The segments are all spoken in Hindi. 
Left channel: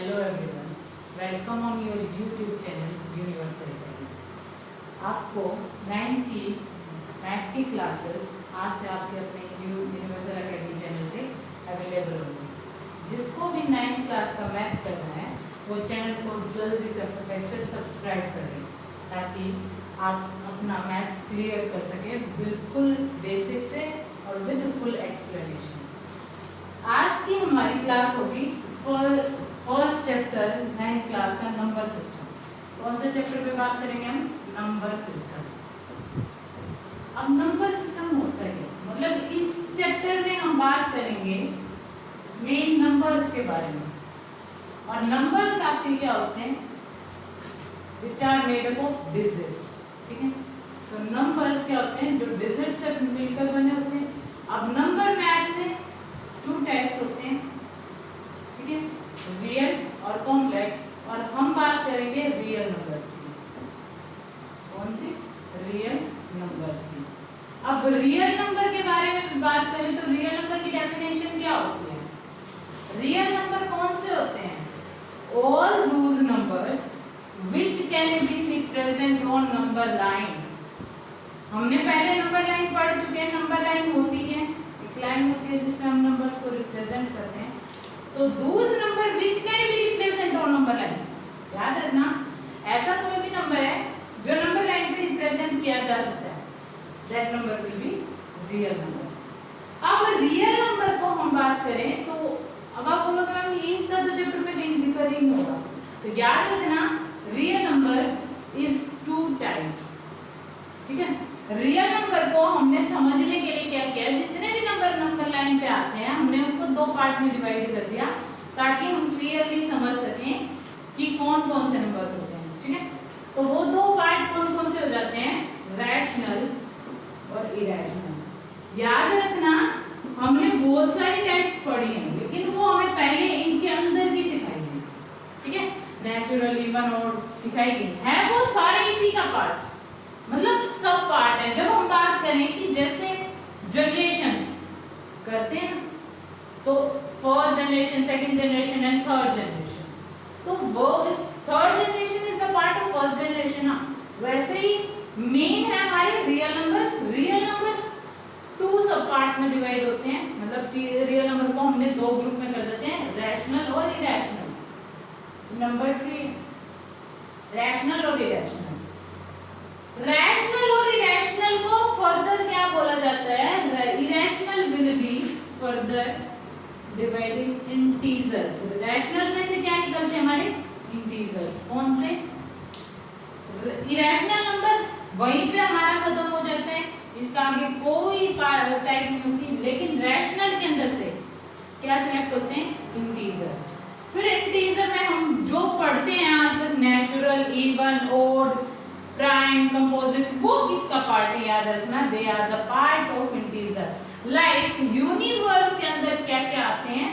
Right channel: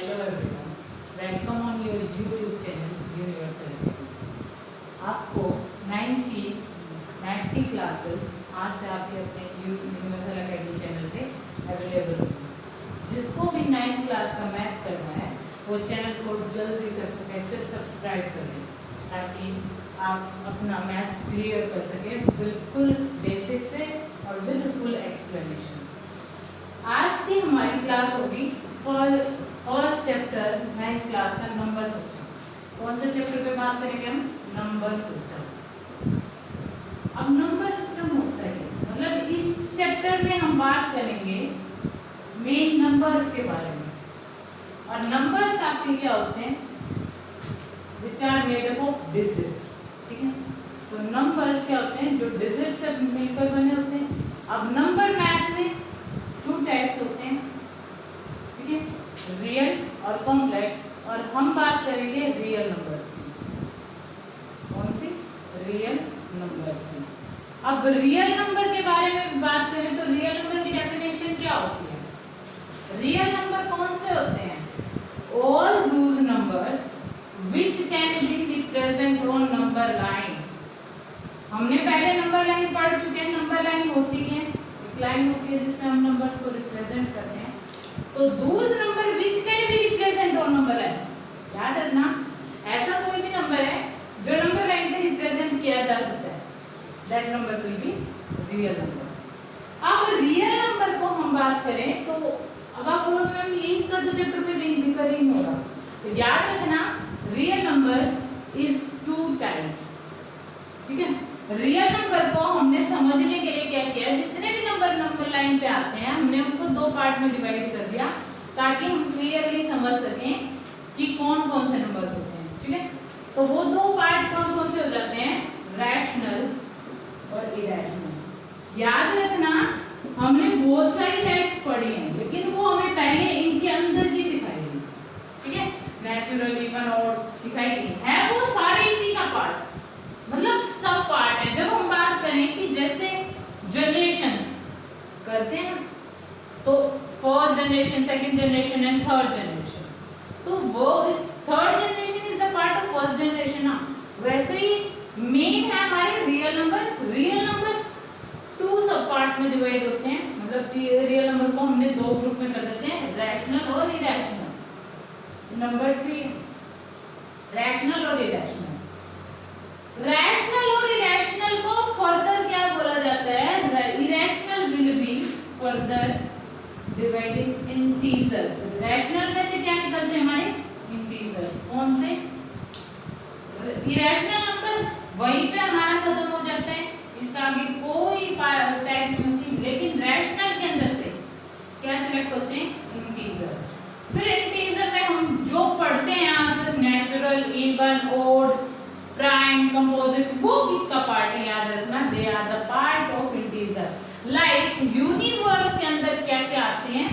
Hello everyone, welcome on your YouTube channel universal academy. आपको 9th की मैथ्स की क्लासेस आज से आपके अपने यूनिवर्सल अकेडमी चैनल पे अवेलेबल होंगी। जिसको भी 9th क्लास का मैथ्स करना है वो चैनल को जल्दी से सब्सक्राइब कर लें ताकि आप अपना मैथ्स क्लियर कर सकें बिल्कुल बेसिक से और विद फुल एक्सप्लेनेशन। आज की हमारी क्लास होगी फर्स्ट चैप्टर 9th क्लास का नंबर सिस्टम। कौन से चैप्टर पे बात करेंगे हम? Number system. अब नंबर सिस्टम होता है मतलब इस चैप्टर में हम बात करेंगे मेन नंबर्स के बारे में। और नंबर्स आपके क्या होते हैं? Which are made up of digits. ठीक है, तो नंबर्स क्या होते हैं? जो डिजिट से मिलकर बने होते हैं। अब नंबर मैथ में 2 टाइप्स होते हैं, ठीक है, रियल और कॉम्प्लेक्स। और हम बात करेंगे रियल नंबर्स की। कौन सी? रियल नंबर्स की। अब रियल नंबर के बारे में बात करें तो रियल नंबर की डेफिनेशन क्या होती है? रियल नंबर कौन से होते हैं? All those numbers which can be represent on number line. हमने पहले नंबर लाइन पढ़ चुके हैं। नंबर लाइन होती है, एक लाइन होती है जिसमें हम नंबर्स को रिप्रेजेंट करते हैं। तो those number which can be represent on number line, याद रखना ऐसा कोई भी नंबर है जो नंबर लाइन पे रिप्रेजेंट किया जा सकता है, that number will be real number. अब रियल नंबर को हम बात करें तो अब आप बोलोगे मैम ये इसका तो चैप्टर में कहीं जिक्र ही नहीं होगा। तो याद रखना रियल नंबर इज 2 टाइप्स। ठीक है, रियल नंबर को हमने समझने के लिए क्या किया, जितने भी नंबर लाइन पे आते हैं हमने उनको 2 पार्ट में डिवाइड कर दिया ताकि हम क्लियरली समझ सकें कि कौन कौन से नंबर्स होते हैं। ठीक है, तो वो 2 पार्ट कौन कौन से हो जाते हैं? रैशनल और इरेशनल। याद रखना हमने बहुत सारी टाइप्स पढ़ी हैं लेकिन वो हमें पहले इनके अंदर की सिखाई गई। ठीक है, नेचुरल, इवन और सिखाई गई है, वो सारे इसी का पार्ट मतलब सब पार्ट है। जब हम बात करें कि जैसे जनरेशंस करते हैं तो first generation, second generation and third generation, तो वो इस third generation is the part of first generation ना। वैसे ही मेन है हमारे रियल नंबर्स। रियल नंबर्स 2 सब पार्ट्स में डिवाइड होते हैं, मतलब कि रियल नंबर को हमने 2 ग्रुप में कर देते हैं, रैशनल और इरेशनल। नंबर 3 रैशनल और इरेशनल। रैशनल और इरेशनल को फर्दर क्या बोला जाता है? Irrational will be further dividing integers. Rational में से क्या निकलते हैं हमारे? इंटीजर्स। कौन से? इरेशनल नंबर वहीं पे हमारा खत्म हो जाता है, इसका आगे कोई टाइप नहीं होती। लेकिन रैशनल के अंदर से क्या सिलेक्ट होते हैं? इंटीजर्स। फिर इंटीजर में हम जो पढ़ते हैं आज तक, natural, even, odd, prime, composite, वो किसका पार्ट है? याद रखना they are the part of integer. Like universe के अंदर क्या क्या आते हैं?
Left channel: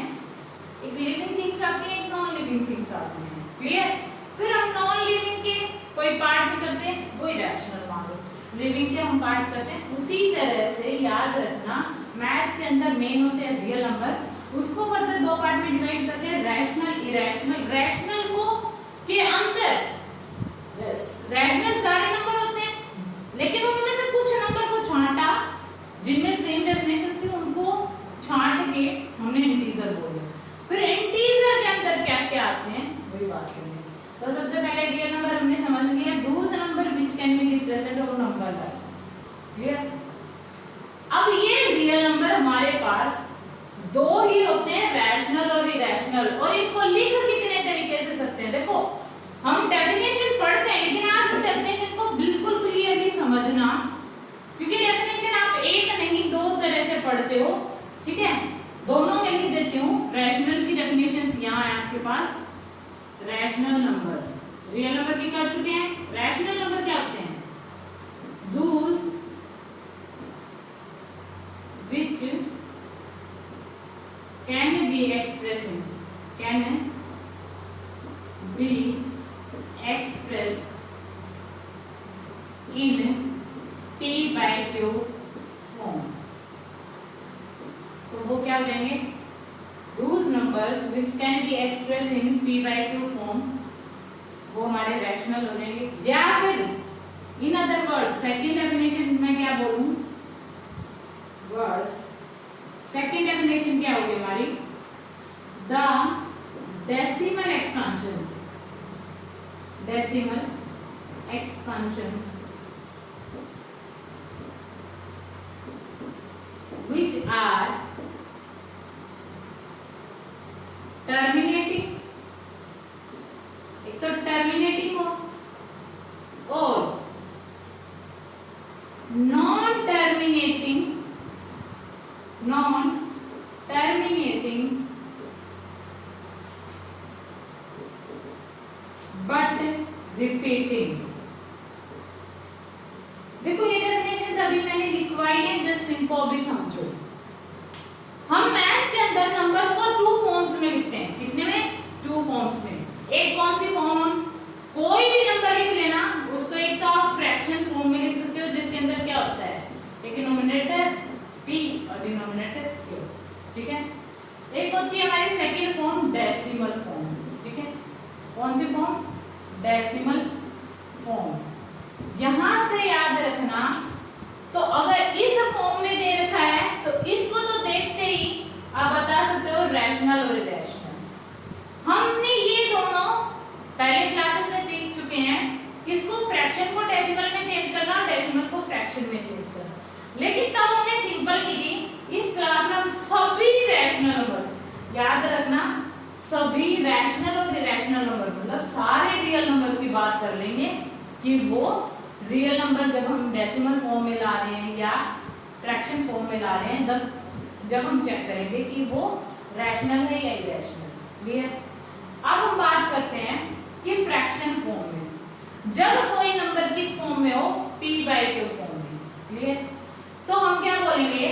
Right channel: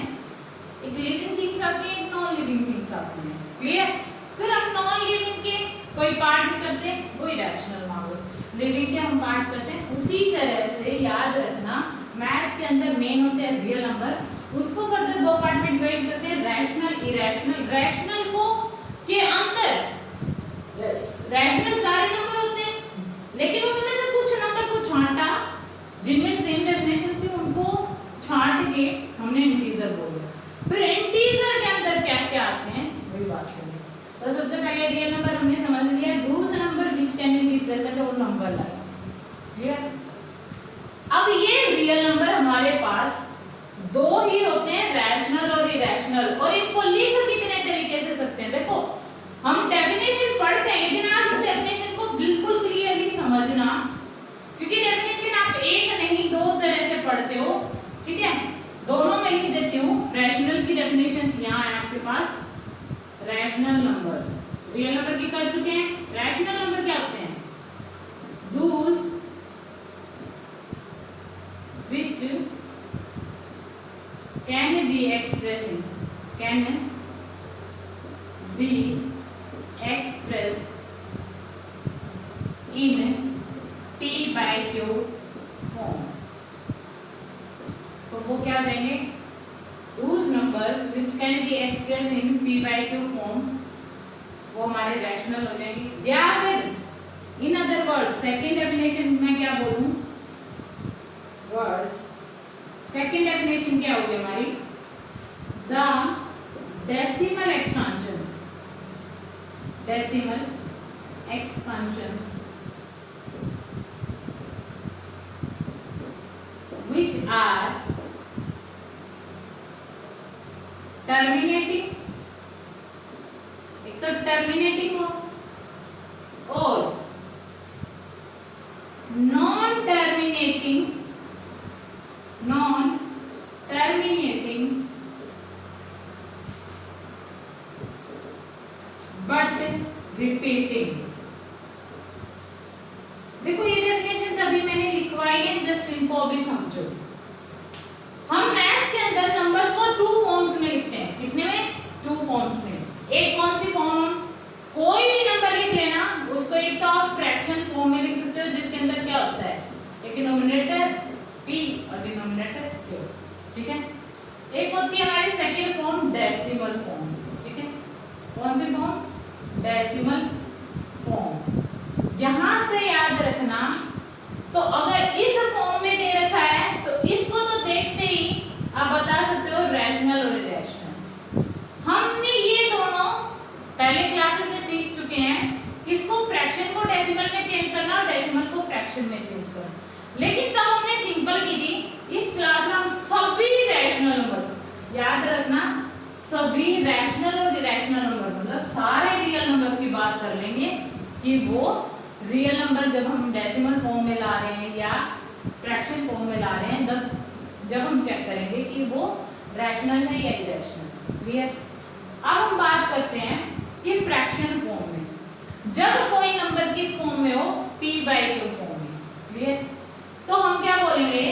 एक लिविंग थिंग्स आती है, एक नॉन लिविंग थिंग्स आती हैं। क्लियर? फिर हम नॉन लिविंग के कोई पार्ट भी करते हैं, वो इरेशनल मान लो। लिविंग के हम पार्ट करते हैं। उसी तरह से याद रखना मैथ्स के अंदर मेन होते हैं रियल नंबर, उसको फर्दर 2 पार्ट में डिवाइड करते हैं, रैशनल, इरेशनल। रैशनल को के अंदर रैशनल सारे नंबर होते हैं लेकिन उनमें से कुछ नंबर को छांटा जिनमें सेम डेफिनेशन थी, उनको छांट के हमने इंटीजर बोले। फिर इंटीजर के अंदर क्या क्या आते हैं वही बात करेंगे। तो सबसे पहले रियल नंबर हमने समझ लिया, those number which can be represent on number line. Clear? अब ये रियल नंबर हमारे पास 2 ही होते हैं, रैशनल और इरेशनल। और इनको लिख कितने तरीके से सकते हैं? देखो हम डेफिनेशन पढ़ते हैं लेकिन आज हम डेफिनेशन को बिल्कुल क्लियरली समझना, क्योंकि डेफिनेशन आप एक नहीं 2 तरह से पढ़ते हो। ठीक है, दोनों में लिख देती हूँ। रैशनल की डेफिनेशंस यहाँ है आपके पास। रैशनल नंबर्स रियल नंबर की कर चुके हैं। रैशनल नंबर क्या होते हैं? Those which can be expressing, can be expressed in p/q form। तो वो क्या कहेंगे? Those number numbers which can be expressed in p by q form वो हमारे रैशनल हो जाएंगे। या फिर in other words second definition में क्या बोलूं, वर्ड्स सेकंड डेफिनेशन क्या होगी हमारी, the decimal expansions, decimal expansions which are terminating, एक तो टर्मिनेटिंग हो और नॉन टर्मिनेटिंग बट रिपीटिंग। देखो ये डेफिनेशन अभी मैंने लिखवाई है, जस्ट इनको भी समझो। हम मैथ्स के अंदर नंबर्स को टू फॉर्म्स में लिखते हैं, कितने में, टू फॉर्म्स में। एक कौन सी फॉर्म, हम कोई भी नंबर लिख लेना उसको एक तो आप फ्रैक्शन फॉर्म में लिख सकते हो जिसके अंदर क्या होता है, एक डिनोमिनेटर p और डिनोमिनेटर q, ठीक है। एक होती है हमारी सेकंड फॉर्म डेसिमल फॉर्म, ठीक है। कौन सी फॉर्म, डेसिमल फॉर्म। यहां से याद रखना, तो अगर इस फॉर्म में दे रखा है तो इसको तो देखते ही आप बता सकते हो रैशनल और इरेशनल। हमने ये दोनों पहले क्लासेस में सीख चुके हैं, किसको, फ्रैक्शन को डेसिमल में चेंज करना और डेसिमल को फ्रैक्शन में चेंज करना। लेकिन तब हमने सिंपल की थी, इस क्लास में हम सभी रैशनल नंबर, याद रखना सभी रैशनल और इरेशनल नंबर, मतलब सारे रियल नंबर्स की बात कर लेंगे कि वो रियल नंबर जब हम डेसिमल फॉर्म में ला रहे हैं या फ्रैक्शन फॉर्म में ला रहे हैं, तब जब हम चेक करेंगे कि वो रैशनल है या इरेशनल। क्लियर। अब हम बात करते हैं कि फ्रैक्शन फॉर्म में जब कोई नंबर किस फॉर्म में हो, p by q फॉर्म में। क्लियर। तो हम क्या बोलेंगे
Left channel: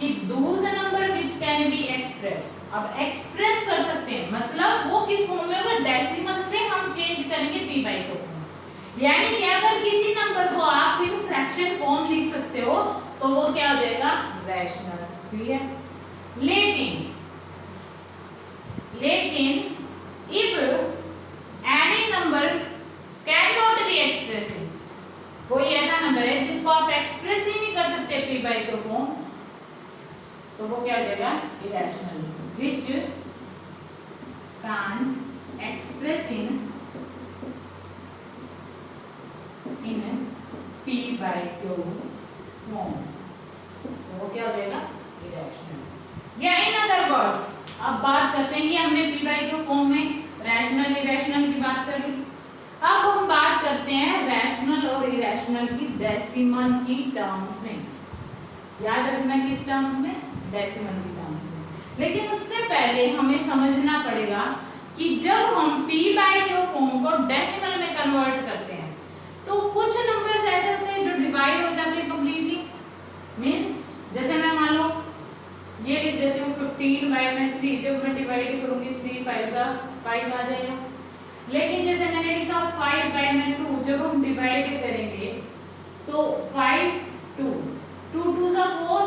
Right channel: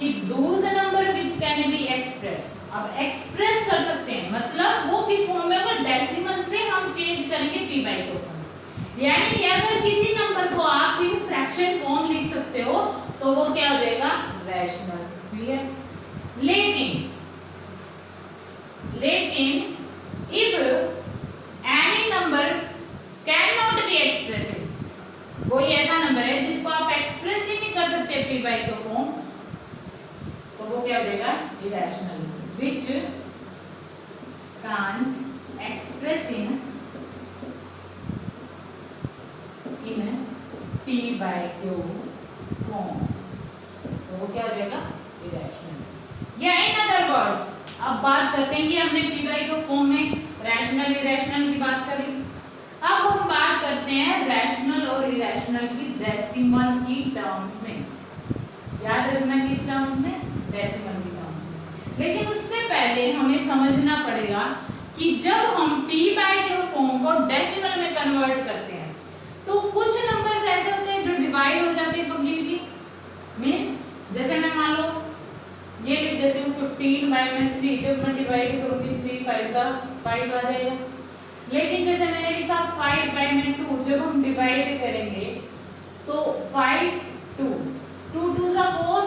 कि those number which can be express, अब एक्सप्रेस कर सकते हैं मतलब वो किस फॉर्म में होगा, डेसिमल से हम चेंज करेंगे p by q फॉर्म। यानी कि अगर किसी नंबर को आप फिर फ्रैक्शन फॉर्म लिख सकते हो तो वो क्या हो जाएगा, रैशनल। क्लियर। लेकिन if any number can not be expressive, कोई ऐसा नंबर है जिसको आप एक्सप्रेस ही नहीं कर सकते p by q फॉर्म, तो वो क्या हो जाएगा, irrational, which can't express in p by q form, तो वो क्या हो जाएगा, इरेशनल। या इन अदर वर्ड्स, अब बात करते हैं कि हमने p by q फॉर्म में रैशनल इरेशनल की बात करी, अब हम बात करते हैं रैशनल और इरेशनल की डेसिमल की टर्म्स में। याद रखना किस टर्म्स में, डेसिमल की टर्म्स में। लेकिन उससे पहले हमें समझना पड़ेगा कि जब हम p by q फॉर्म को डेसिमल में कन्वर्ट करते हैं तो कुछ नंबर्स ऐसे होते हैं जो डिवाइड हो जाते हैं कंप्लीटली। मींस जैसे मैं मान लो ये लिख देती हूँ 15 बाय में 3, जब मैं डिवाइड करूंगी 3 5 आ जाएगा। लेकिन जैसे मैंने लिखा 5 बाय में 2, जब हम डिवाइड करेंगे तो 5 2 2 2 4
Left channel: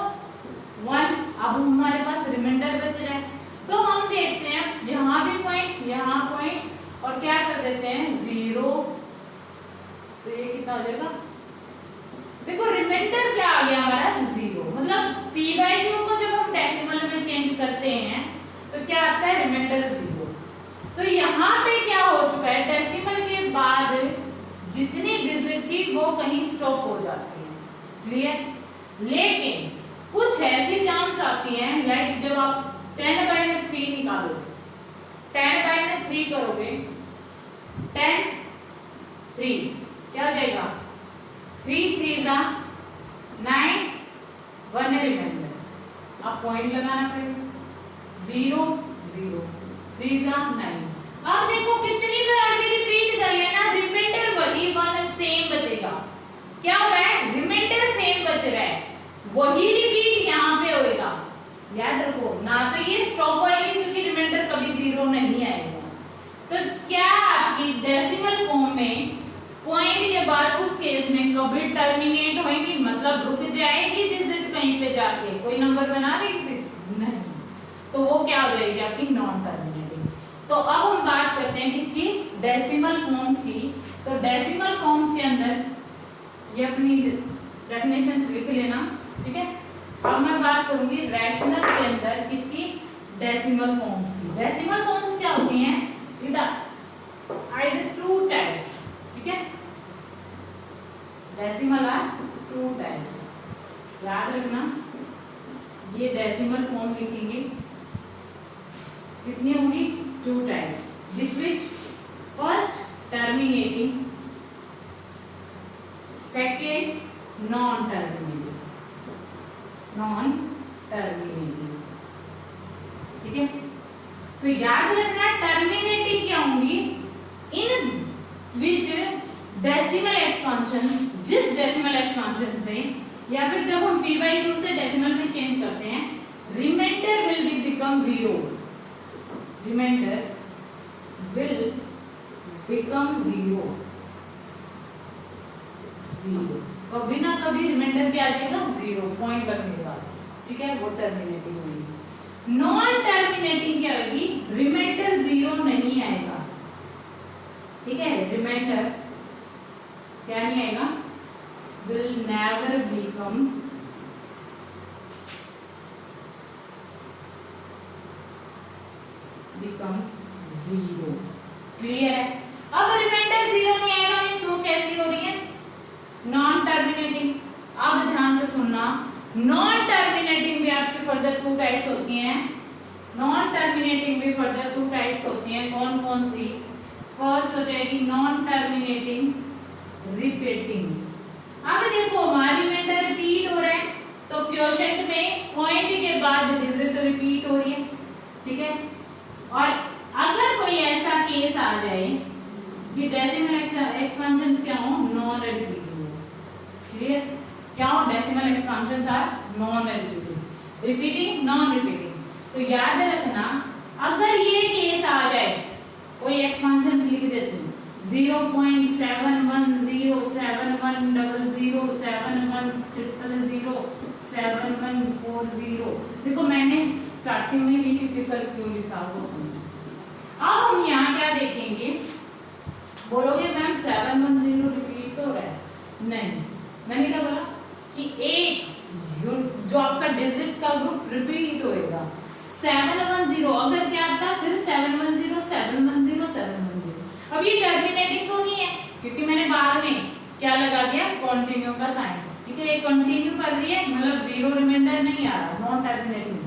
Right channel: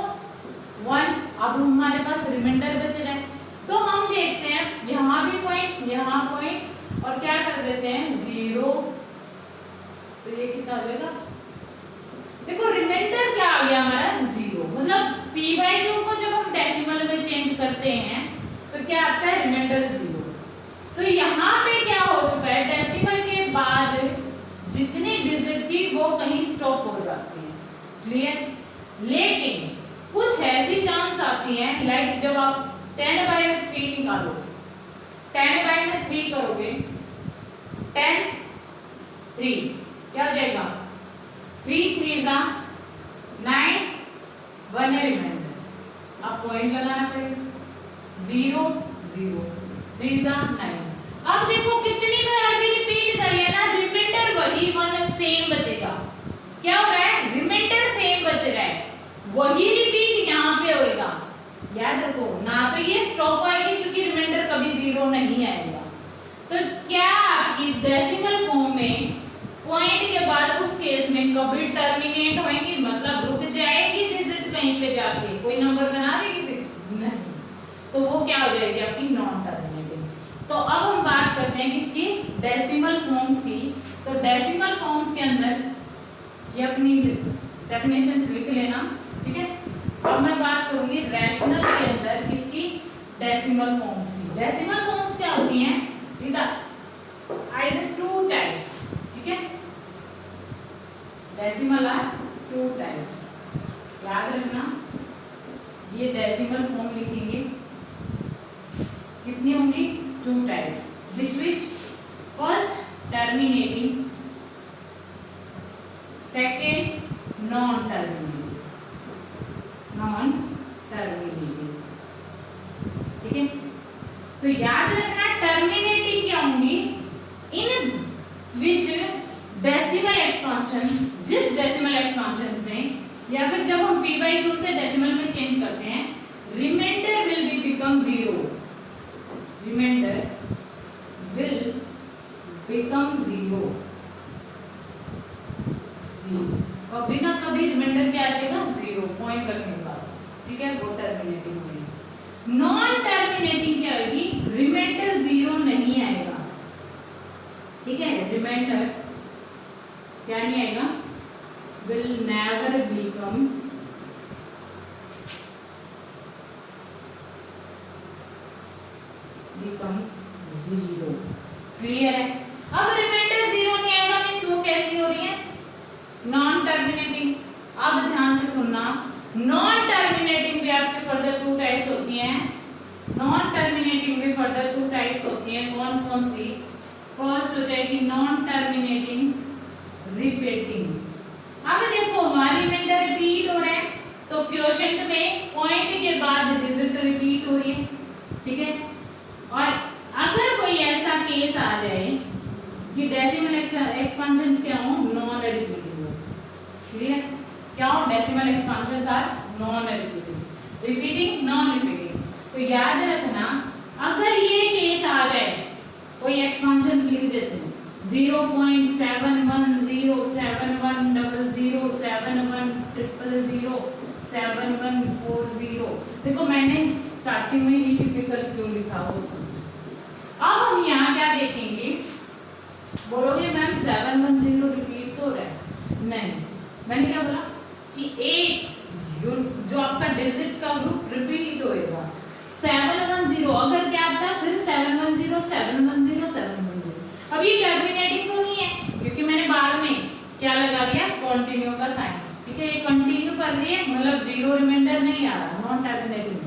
1, अब हमारे पास रिमाइंडर बच रहा है। तो हम देखते हैं यहाँ भी पॉइंट, यहाँ पॉइंट, और क्या कर देते हैं 0, तो ये कितना हो जाएगा, देखो रिमाइंडर क्या आ गया हमारा 0, मतलब p by q को जब हम डेसिमल में चेंज करते हैं तो क्या आता है, रिमाइंडर 0। तो यहाँ पे क्या हो चुका है, डेसिमल के बाद जितनी डिजिट थी वो कहीं स्टॉप हो जाती है। क्लियर। लेकिन कुछ ऐसी टर्म्स आती हैं, लाइक जब आप 10 by में 3 निकालो, 10 by में 3 करोगे, 10 3 क्या हो जाएगा, 3 3 9, 1 है रिमाइंडर। अब पॉइंट लगाना पड़ेगा, 0 0 3 9। अब देखो कितनी बार भी रिपीट कर लेना, रिमाइंडर वही 1 सेम बचेगा। क्या हो रहा है, रिमाइंडर सेम बच रहा है, वही रिपीट यहाँ पे होएगा। याद रखो ना, तो ये स्टॉप आएगी क्योंकि रिमाइंडर कभी 0 नहीं आएगा। तो क्या आपकी डेसिमल फॉर्म में पॉइंट के बाद उस केस में कभी टर्मिनेट होएगी, मतलब रुक जाएगी डिजिट कहीं पे जाके, कोई नंबर बना देगी फिक्स नहीं। तो वो क्या हो जाएगी आपकी नॉन टर्मिनेटिंग। तो अब हम बात करते हैं किसकी, डेसिमल फॉर्म्स की। तो डेसिमल फॉर्म्स के अंदर ये अपनी डेफिनेशंस लिख लेना, ठीक है। अब मैं बात करूंगी रैशनल के अंदर किसकी, डेसिमल फॉर्म्स की। डेसिमल फॉर्म्स क्या होती हैं, either two types, ठीक है। डेसिमल आर टू टाइप्स, याद रखना। ये डेसिमल फॉर्म लिखेंगे, कितनी होंगी, two types, which first terminating, second non terminating, non terminating, ठीक है। तो याद रखना टर्मिनेटिंग क्या होंगी, इन विच डेसिमल एक्सपांशन, जिस डेसिमल एक्सपांशन में या फिर जब हम p by q से डेसिमल में चेंज करते हैं, remainder will be become zero, remainder will become zero, कभी ना कभी रिमाइंडर क्या आ जाएगा, जीरो, पॉइंट लगने के बाद, ठीक है, वो टर्मिनेटिंग होगी। नॉन टर्मिनेटिंग क्या होगी, रिमाइंडर जीरो नहीं आएगा, ठीक है, रिमाइंडर क्या नहीं आएगा, will never become zero, clear है। अब रिमाइंडर जीरो नहीं आएगा मींस वो कैसी हो रही है, नॉन टर्मिनेटिंग। अब ध्यान से सुनना, नॉन टर्मिनेटिंग भी आपकी फर्दर टू टाइप्स होती हैं, नॉन टर्मिनेटिंग भी फर्दर टू टाइप्स होती हैं, कौन कौन सी, फर्स्ट हो जाएगी नॉन टर्मिनेटिंग रिपीटिंग। अब देखो हमारी रिमाइंडर रिपीट हो रहा है, तो क्वोशिएंट में पॉइंट के बाद डिजिट रिपीट हो रही है, ठीक है। और अगर कोई ऐसा केस आ जाए कि डेसिमल एक्सपेंशंस क्या हो, नॉन रिपीटिंग हो, क्लियर, क्या हो, decimal expansions are non repeating, repeating non repeating. तो याद रखना अगर ये केस आ जाए, कोई एक्सपेंशंस लिख देते हैं 0.71071071007140, देखो मैंने स्टार्टिंग में ही टिपिकल क्यों लिखा वो समझो। अब हम यहाँ क्या देखेंगे, बोलोगे मैम 710 रिपीट तो रहा है, नहीं, मैंने क्या बोला कि एक जो आपका डिजिट का ग्रुप रिपीट होएगा 710, अगर क्या आता है फिर 710 710 710। अब ये टर्मिनेटिंग तो नहीं है क्योंकि मैंने बाद में क्या लगा दिया, कंटिन्यू का साइन, ठीक है, ये कंटिन्यू कर रही है, मतलब जीरो रिमाइंडर नहीं आ रहा, नॉन टर्मिनेटिंग।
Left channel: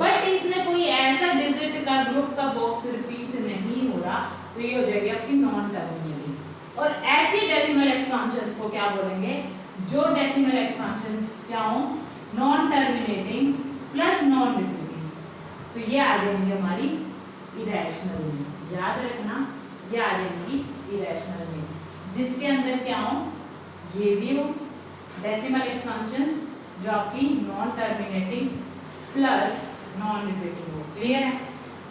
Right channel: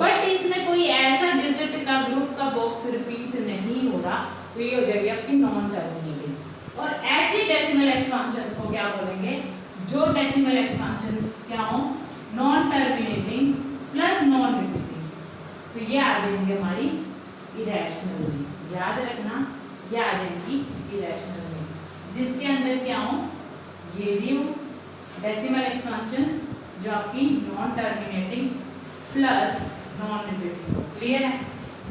बट इसमें कोई ऐसा डिजिट का ग्रुप का बॉक्स रिपीट नहीं हो रहा, तो ये हो जाएगी आपकी नॉन टर्मिनेटिंग। और ऐसे डेसिमल एक्सपेंशंस को क्या बोलेंगे, जो डेसिमल एक्सपेंशंस क्या हो, non terminating plus non repeating, तो ये आ जाएंगे हमारी इरेशनल में, याद रखना ये आ जाएगी इरेशनल में, जिसके अंदर क्या हो, ये भी हो डेसिमल एक्सपेंशंस जो आपकी non terminating plus non repeating हो, क्लियर है,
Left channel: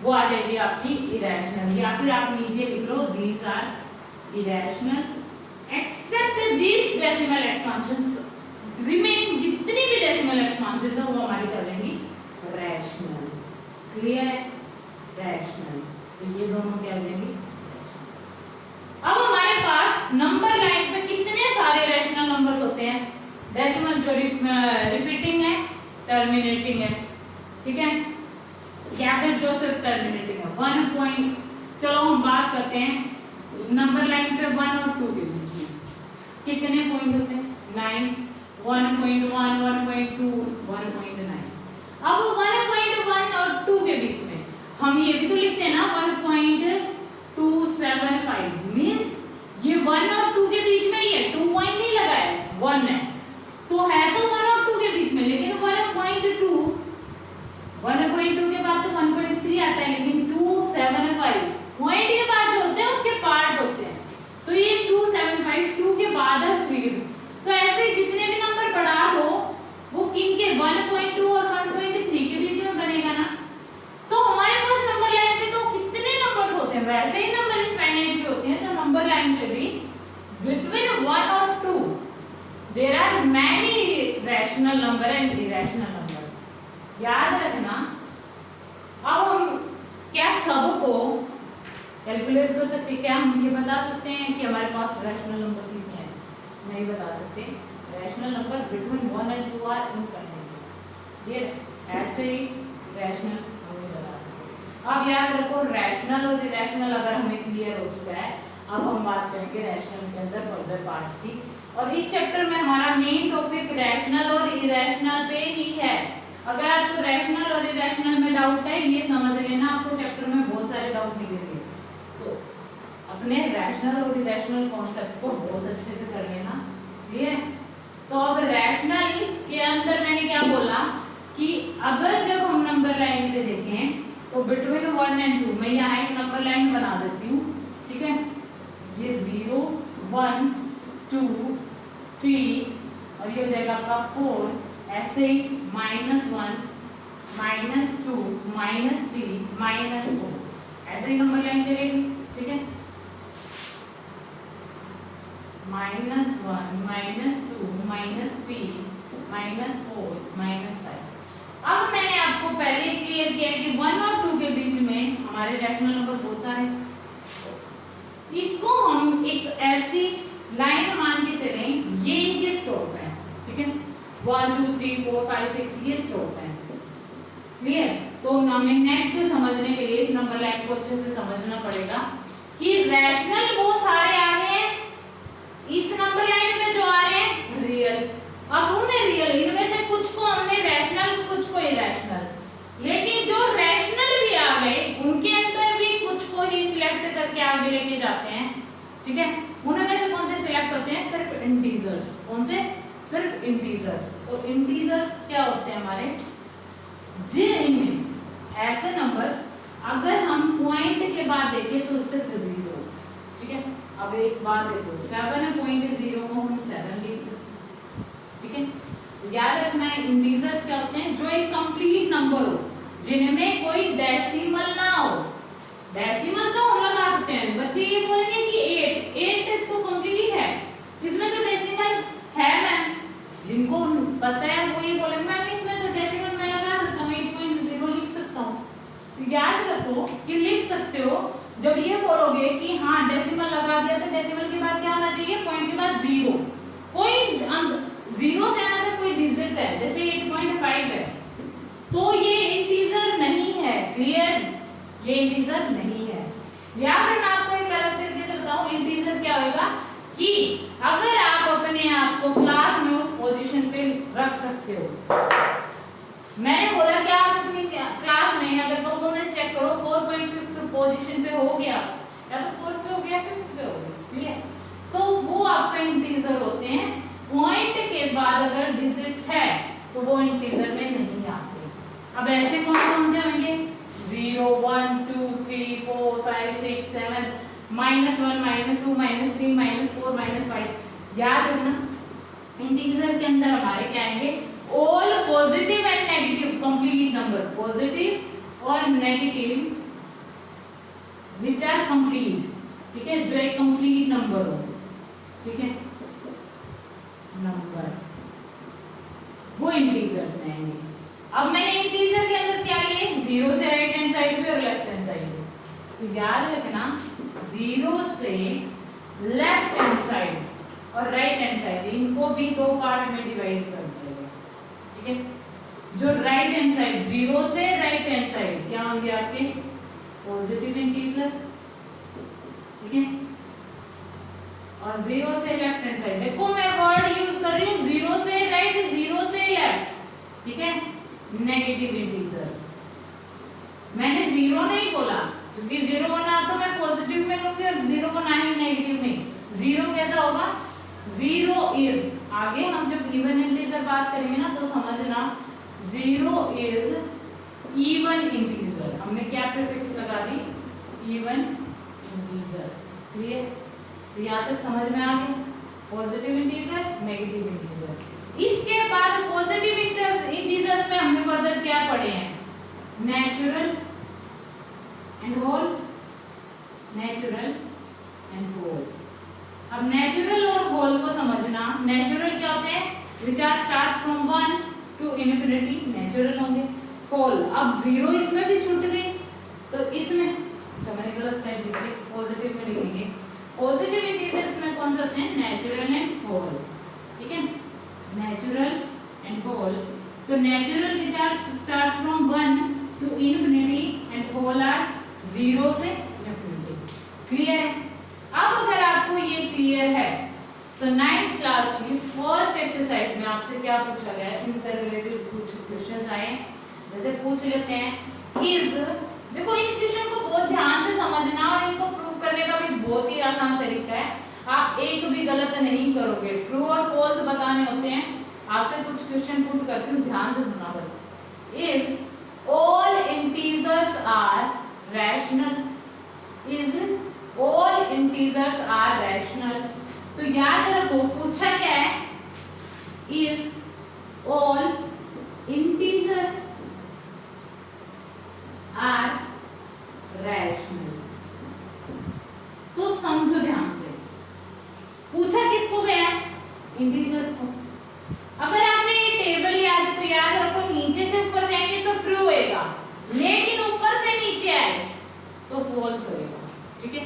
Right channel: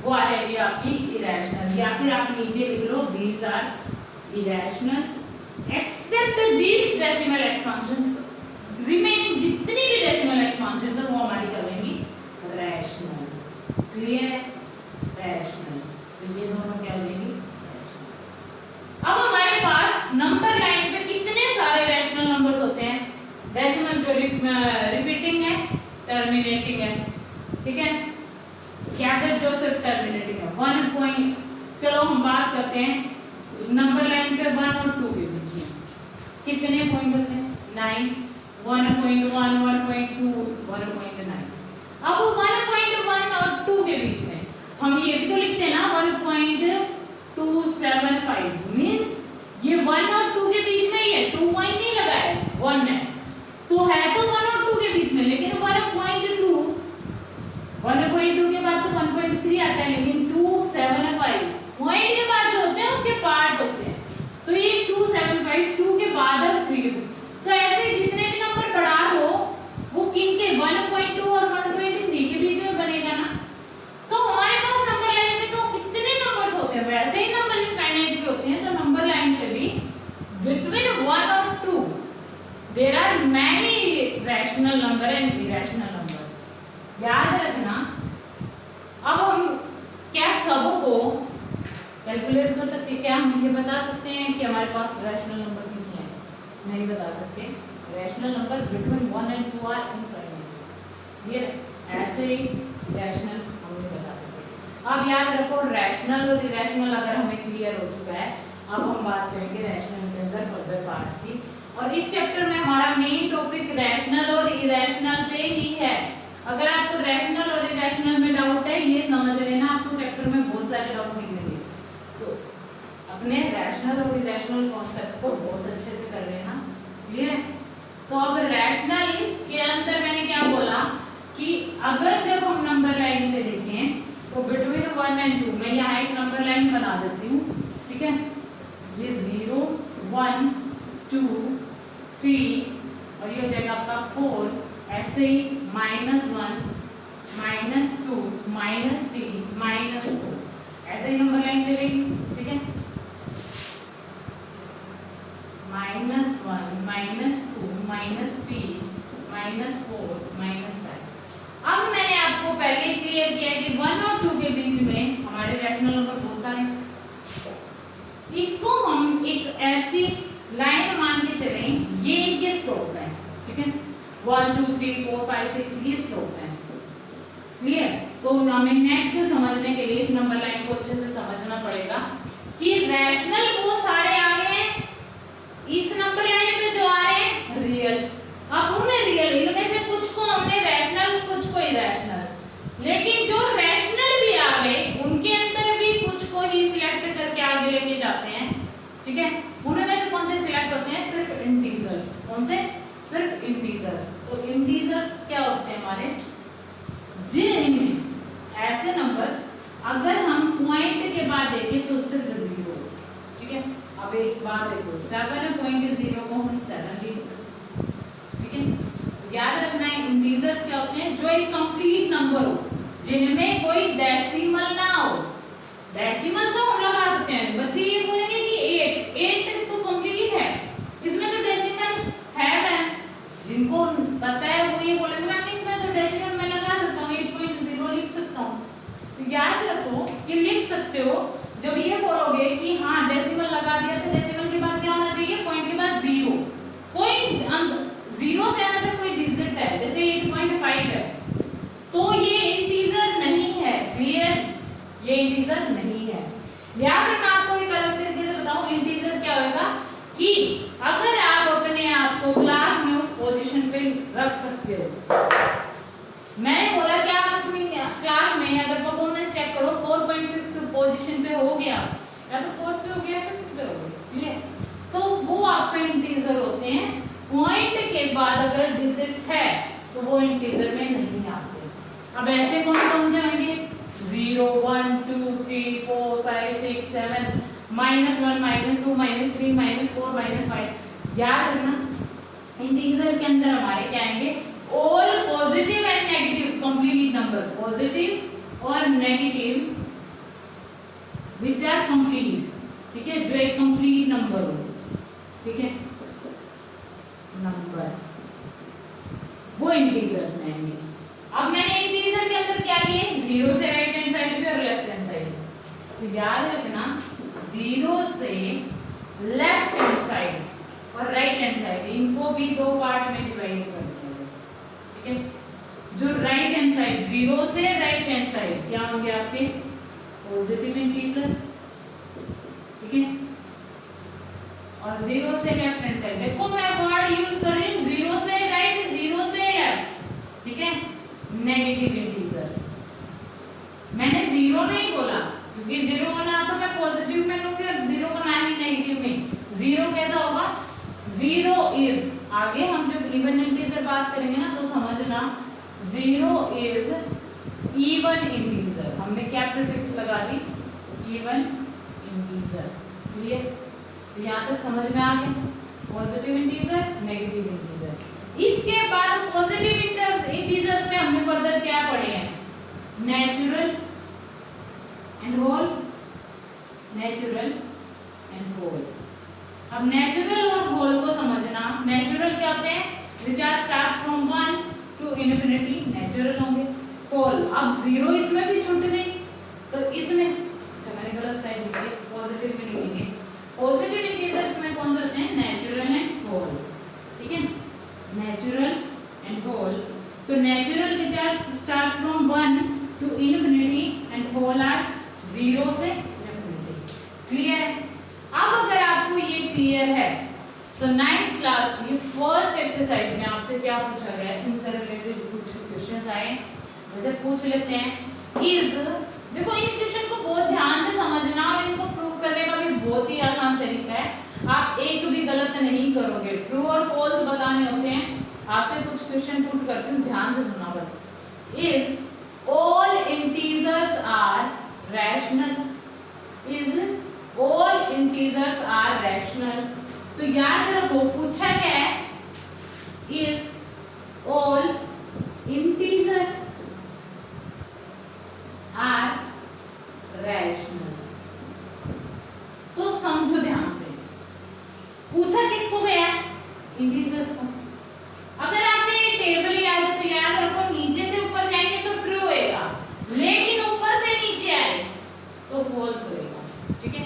वो आ जाएगी आपकी इरेशनल। या फिर आप नीचे लिख लो these are irrational except these decimal expansions, remaining जितनी भी डेसिमल एक्सपेंशंस है वो हमारी कर जाएंगी रैशनल, क्लियर, रैशनल। तो ये दोनों क्या हो जाएंगी। अब हमारे पास नंबर लाइन पे कितने सारे रैशनल नंबर्स होते हैं, डेसिमल जो रिपीटिंग है, टर्मिनेटिंग है, ठीक है, क्या फिर जो सिर्फ टर्मिनेटिंग है 1 पॉइंट। चलो हम बात करते हैं नंबर लाइन पे 1 और 2 के बीच में कितने पॉइंट होते हैं, 9, 1.1 1.2 1.9। अब 1.1 और 2 के बीच में हम ये भी तो लिखते हैं ना 1.275, मींस ये 1 और 2 के बीच में ही है, 2 पॉइंट नहीं लगा है, 1 है, तो है तो 1 और 2 के बीच में, लेकिन 1.2 के बाद तो 1.3 आता है, लेकिन 275 पॉइंट के बाद जो होते हैं उसके पार्ट होते हैं, तो ये 275 2 के बाद और 3, तो ऐसे जितने भी नंबर बढ़ा दो वो किन के 1.2 और 1.3 के बीच में बनेगा ना। तो हमारे पास नंबर लाइन में तो कितने नंबर्स होते हैं, वैसे ही नंबर इनफाइनाइट भी होते हैं, तो नंबर लाइन पे भी बिटवीन 1 और 2 there are many rational number and irrational number. याद रखना कैलकुलेट कर सकते हैं। क्या हम ये बता सकते हैं कि हमारे पास रैशनल नंबर कितने हैं? नहीं बता सकते। Rational number between 1 and 2 are infinite. ये ऐसे ही रैशनल हम नहीं बता सकते। अब याद रखो रैशनल और इरेशनल अगर हमें क्लियर हो चुका है, अब हम बात करेंगे रैशनल के अंदर फर्दर पार्ट्स की। और इस चैप्टर में हमारा मेन टॉपिक रैशनल और इरेशनल पे ही है। अगर आपको रैशनल और इरेशनल में डाउट है, ये समझ लेना आपको चैप्टर में बहुत सारे डाउट मिलेंगे, तो अपने रैशनल और इरेशनल कॉन्सेप्ट को बहुत अच्छे से कर लेना। क्लियर है? तो अब रैशनल के अंदर मैंने क्या बोला कि अगर जब हम नंबर लाइन पे देखें तो बिटवीन 1 and 2, मैं यहाँ एक नंबर लाइन बना देती हूँ, ठीक है? ये 0 1 2 3 और ये हो जाएगा आपका 4, ऐसे ही -1 -2 -3 -4, ऐसे ही नंबर लाइन चलेगी, ठीक है? -1 -2 -3 -4 -5। अब मैंने आपको पहले क्लियर किया कि 1 और 2 के बीच में हमारे रैशनल नंबर बहुत सारे, इसको हम एक ऐसी लाइन मान के चलें, ये इनके स्टॉप है, ठीक है? 1 2 3 4 5 6 ये स्टॉप है। क्लियर? तो हमें नेक्स्ट समझने के लिए इस नंबर लाइन को अच्छे से समझना पड़ेगा कि रैशनल वो सारे आ गए हैं, इस नंबर लाइन पे जो आ रहे हैं रियल। अब उन्हें रियल, इनमें से कुछ को हमने रैशनल, कुछ को इरेशनल, लेकिन जो रैशनल भी आ गए उनके अंदर भी कुछ को ही सिलेक्ट करके आगे लेके जाते हैं, ठीक है? उनमें से कौन से सिलेक्ट होते हैं? सिर्फ इंटीजर्स। कौन से? सिर्फ इंटीजर्स। तो इंटीजर्स क्या होते हैं हमारे? जिनमें ऐसे नंबर्स अगर हम पॉइंट के बाद देखें तो सिर्फ 0, ठीक है? अब एक बार देखो 7.0 को हम 7 लिख सकते हैं, ठीक है? तो याद रखना है इंटीजर्स क्या होते हैं? जो एक कंप्लीट नंबर हो, जिनमें कोई डेसिमल ना हो। डेसिमल तो हम लगा सकते हैं, बच्चे ये बोलेंगे कि 8 तो कंप्लीट है, इसमें तो डेसिमल है मैम। जिनको पता है वो ये बोलेंगे मैम इसमें तो डेसिमल मैं लगा सकता हूँ, 8.0 लिख सकता हूँ। तो याद रखो कि लिख सकते हो। जब ये बोलोगे कि हाँ डेसिमल लगा दिया, तो डेसिमल के बाद क्या होना चाहिए? पॉइंट के बाद 0। कोई 0 से अगर कोई डिजिट है, जैसे 8.5 है, तो ये इंटीजर नहीं है। क्लियर? ये इंटीजर नहीं है। या फिर मैं आपको एक अलग तरीके से बताऊं, इंटीजर क्या होगा कि अगर आप अपने आप को क्लास में उस पोजीशन पे रख सकते हो। मैंने बोला कि आप अपनी क्लास में अगर परफॉर्मेंस चेक करो 4.5 पोजीशन पे हो गया, या तो 4th पे हो गया, 5th पे हो गया, क्लियर? तो वो आपका इंटीजर होते हैं। पॉइंट के बाद अगर डिजिट है तो वो इंटीजर में नहीं आते। अब ऐसे कौन कौन से होंगे? 0 1 2 3 4 5 6 7 -1 -2 -3 -4 -5। याद रखना इंटीजर के अंदर हमारे क्या आएंगे? All positive and negative complete number, positive और नेगेटिव विच आर कंप्लीट, ठीक है? जो एक कंप्लीट नंबर हो, ठीक है? नंबर वो इंटीजर्स में आएंगे। अब मैंने इंटीजर के अंदर क्या लिए? 0 से राइट हैंड साइड पे और लेफ्ट हैंड साइड पे। तो याद रखना 0 से लेफ्ट हैंड साइड और राइट हैंड साइड, इनको भी 2 पार्ट में डिवाइड कर दिया गया, ठीक है? जो राइट हैंड साइड 0 से राइट हैंड साइड क्या होंगे आपके? पॉजिटिव इंटीजर, ठीक है? और 0 से लेफ्ट हैंड साइड, देखो मैं वर्ड यूज कर रही हूँ 0 से राइट 0 से लेफ्ट, ठीक है? Negative integers. मैंने 0 नहीं बोला क्योंकि 0 को ना तो मैं पॉजिटिव में लूंगी और 0 को ना ही नेगेटिव में। 0 कैसा होगा? 0 इज, आगे हम जब इवन इंटीजर बात करेंगे ना तो समझना 0 इज इवन इंटीजर। हमने क्या प्रीफिक्स लगा दी? Even integer. क्लियर? तो यहाँ तक समझ में आ गया? Positive integer, negative integer. इसके बाद पॉजिटिव इंटीजर्स में हमने फर्दर क्या पढ़े हैं? Natural and whole, natural and whole. अब नेचुरल और होल को समझना। नेचुरल क्या होते हैं? Which are start from 1 to infinity, natural होंगे। होल, अब 0 इसमें भी छूट गई तो इसमें, अच्छा मैंने गलत साइड लिख दिया, जैसे पूछ लेते हैं इज, देखो इन क्वेश्चन को बहुत ध्यान से समझना और इनको प्रूव करने का भी बहुत ही आसान तरीका है, आप एक भी गलत नहीं करोगे, ट्रू और फॉल्स बताने होते हैं। आपसे कुछ क्वेश्चन पुट करती हूँ, ध्यान से सुनना बस। Is all integers are rational, is all integers are rational, तो याद रखो पूछा क्या है, is all integers are rational. तो समझो ध्यान से, पूछा किसको गया है, इंटीजर्स को। अगर आपने ये टेबल याद है तो याद रखो नीचे से ऊपर जाएंगे तो ट्रू होएगा, लेकिन ऊपर से नीचे आए तो फॉल्स होएगा, ठीक है।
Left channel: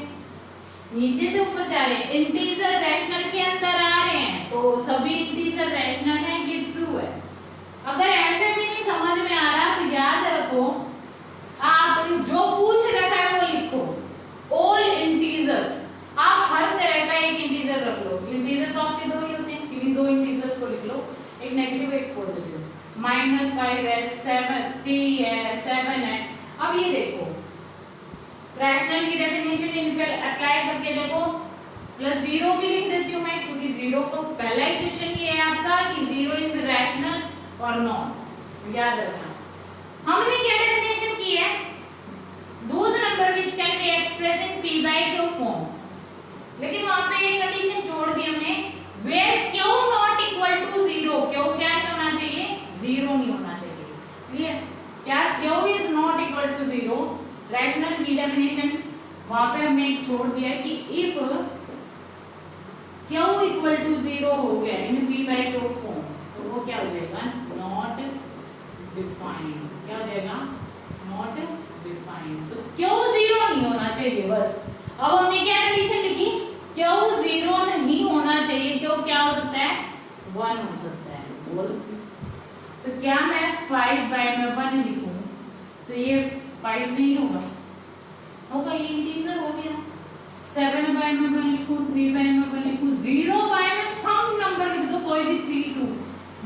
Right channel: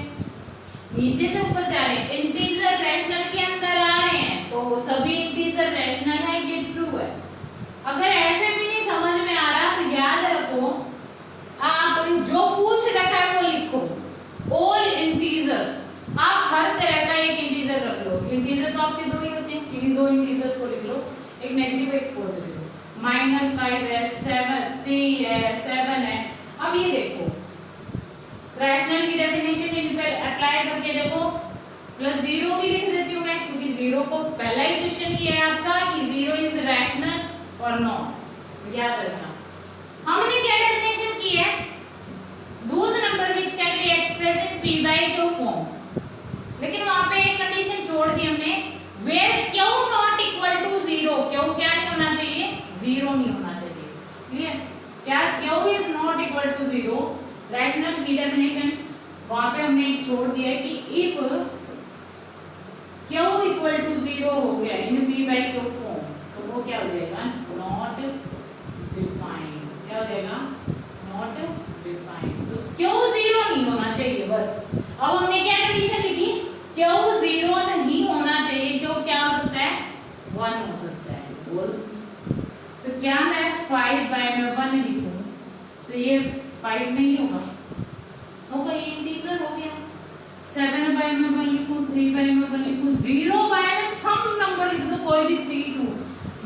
नीचे से ऊपर जा रहे हैं, इंटीजर रैशनल के अंदर आ रहे हैं तो सभी इंटीजर रैशनल है, ये ट्रू है। अगर ऐसे भी नहीं समझ में आ रहा तो याद रखो आप जो पूछ रखा है वो लिखो, ऑल इंटीजर्स, आप हर तरह का एक इंटीजर रख लो। इंटीजर तो आपके दो ही होते हैं, इन्हीं दो इंटीजर्स को लिख लो, एक नेगेटिव एक पॉजिटिव। -5 है, 3 है, 7 है। अब ये देखो रैशनल की डेफिनेशन इन पे अप्लाई करके देखो, +0 भी लिख देती हूँ मैं, क्योंकि 0 को पहला ही क्वेश्चन किया है आपका कि 0 इज रैशनल और नॉट, याद रखना। हमने क्या डेफिनेशन की है, those number which can be expressed in p by q form, लेकिन वहां पे एक कंडीशन छोड़ दी हमने, where q not equal to 0, q क्या नहीं होना चाहिए, 0 नहीं होना चाहिए, क्लियर। क्या q is not equal to 0, rational की डेफिनेशन वहां पे हमने छोड़ दिया है कि if q equal to 0 हो गया in p by q form, तो वो क्या हो जाएगा, not defined, क्या हो जाएगा, नॉट डिफाइंड। तो क्यों 0 नहीं होना चाहिए, बस। अब हमने क्या कंडीशन लिखी, क्यों 0 नहीं होना चाहिए, क्यों क्या हो सकता है, 1 हो सकता है, बोल। तो क्या मैं 5 बाय में 1 लिखूं तो ये 5 नहीं होगा, ये इंटीजर हो गया। 7 बाय में 1 लिखूं, 3 बाय में 1 लिखूं, 0 बाय में सम नंबर लिख दो, कोई भी 3 2